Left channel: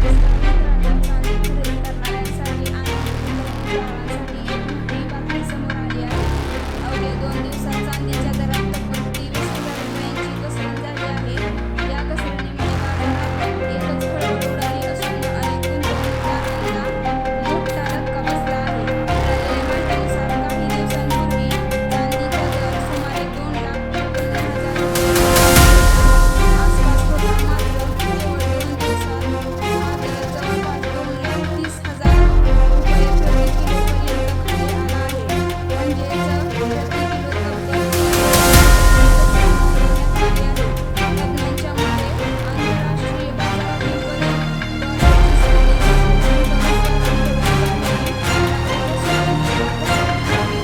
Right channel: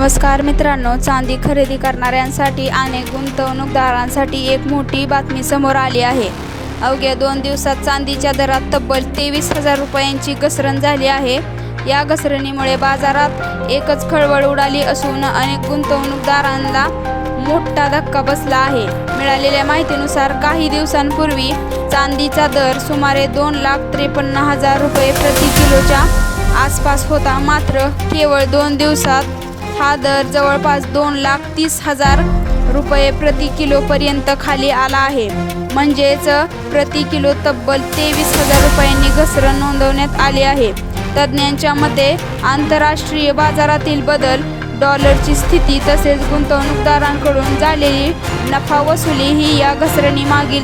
नमस्कार मित्रांनो, चांदी खरेदी करणाऱ्यांसाठी आणि गुंतवणूकदारांसाठी एक मोठी बातमी समोर आली आहे। अवघ्या 2 दिवसात चांदीच्या दरात तब्बल 23,000 रुपयांची घसरण झाली आहे। या घसरणीमुळे बाजारात एकच खळबळ उडाली असून अनेक गुंतवणूकदारांना मोठा धक्का बसला आहे। मिळालेल्या माहितीनुसार काही दिवसांपूर्वी चांदीचा दर सुमारे 2,53,000 रुपये प्रति किलोच्या आसपास होता, मात्र केवळ 2 दिवसात हा दर जवळपास 2,30,000 रुपये प्रति किलो पर्यंत खाली आला आहे। म्हणजेच प्रति किलो तब्बल 23,000 रुपयांनी घसरण नोंदवण्यात आली आहे। तज्ज्ञांच्या मते आंतरराष्ट्रीय बाजारातील बदल, डॉलरची स्थिती तसेच गुंतवणूकदारांकडून झालेली नफा वसुली ही या घसरणीमागील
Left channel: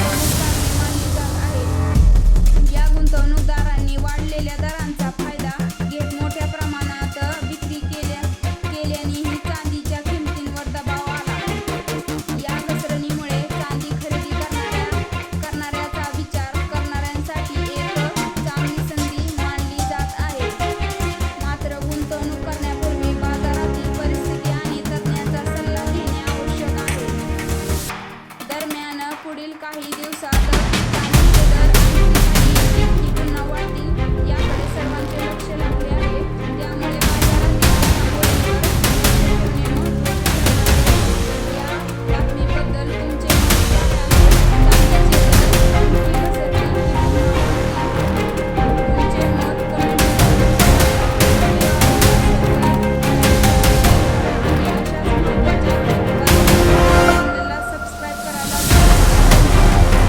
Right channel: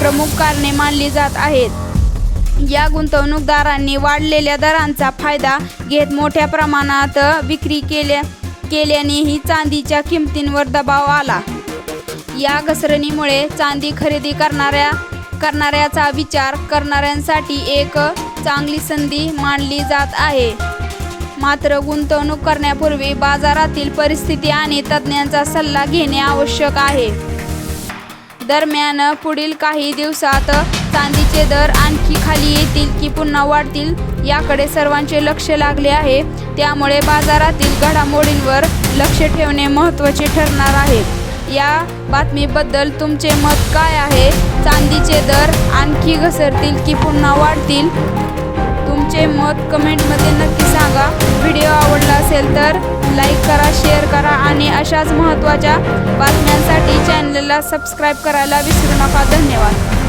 प्रमुख कारणे मानली जात आहेत। या गुंतवणूकदारांनी वाढलेल्या दरांचा फायदा घेत मोठ्या प्रमाणात विक्री केल्यानेही चांदीच्या किमतींवर दबाव आला। या घसरणीमुळे चांदी खरेदी करणाऱ्याचा विचार करणाऱ्यांसाठी एक चांगली संधी मानली जात आहे, मात्र गुंतवणूक करण्यापूर्वी बाजारातील परिस्थिती आणि तज्ज्ञांचा सल्ला घेणे आवश्यक आहे। दरम्यान पुढील काही दिवसात चांदीचे दर आणखी खाली येतील की पुन्हा वाढतील याकडे सर्वांचे लक्ष लागले आहे। त्यामुळे बाजारातील घडामोडींवर लक्ष ठेवणे महत्त्वाचे ठरणार आहे। या बातमीबद्दल तुमचे मत काय आहे? चांदीचे दर आणखी घसरतील की पुन्हा वाढतील? तुमचे मत कमेंटमध्ये नक्की सांगा। व्हिडिओ आवडला असेल तर लाईक करा, शेअर करा आणि अशाच महत्त्वाच्या बातम्यांसाठी चॅनलला सबस्क्राईब करायला विसरू नका। धन्यवाद।